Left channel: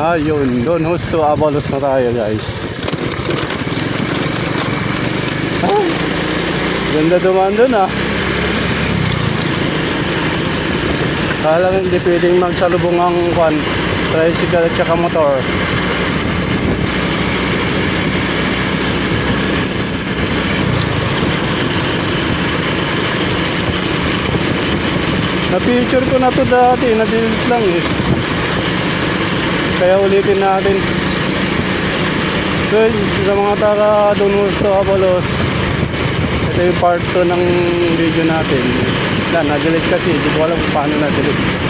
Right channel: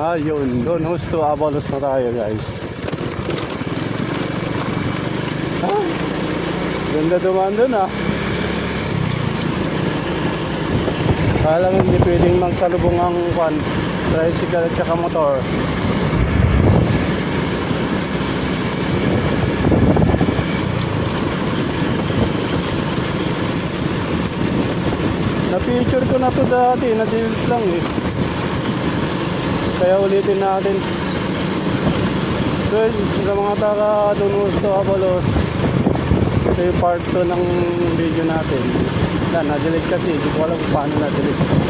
Ayun, Don Justo Avalos na tayo guys. Ah, ganda dumaan dun ah. Alam hindi pwedeng magsalubong ang kwan, tricycle at saka motor. Na-picture ko na to dati, na-delete lang eh. Kaya ulitin natin. Guys, sa mga taga Don Justo Avalos, ito yung part 2 ng video natin. Na-delete kasi, hindi ko alam kung paano na-delete.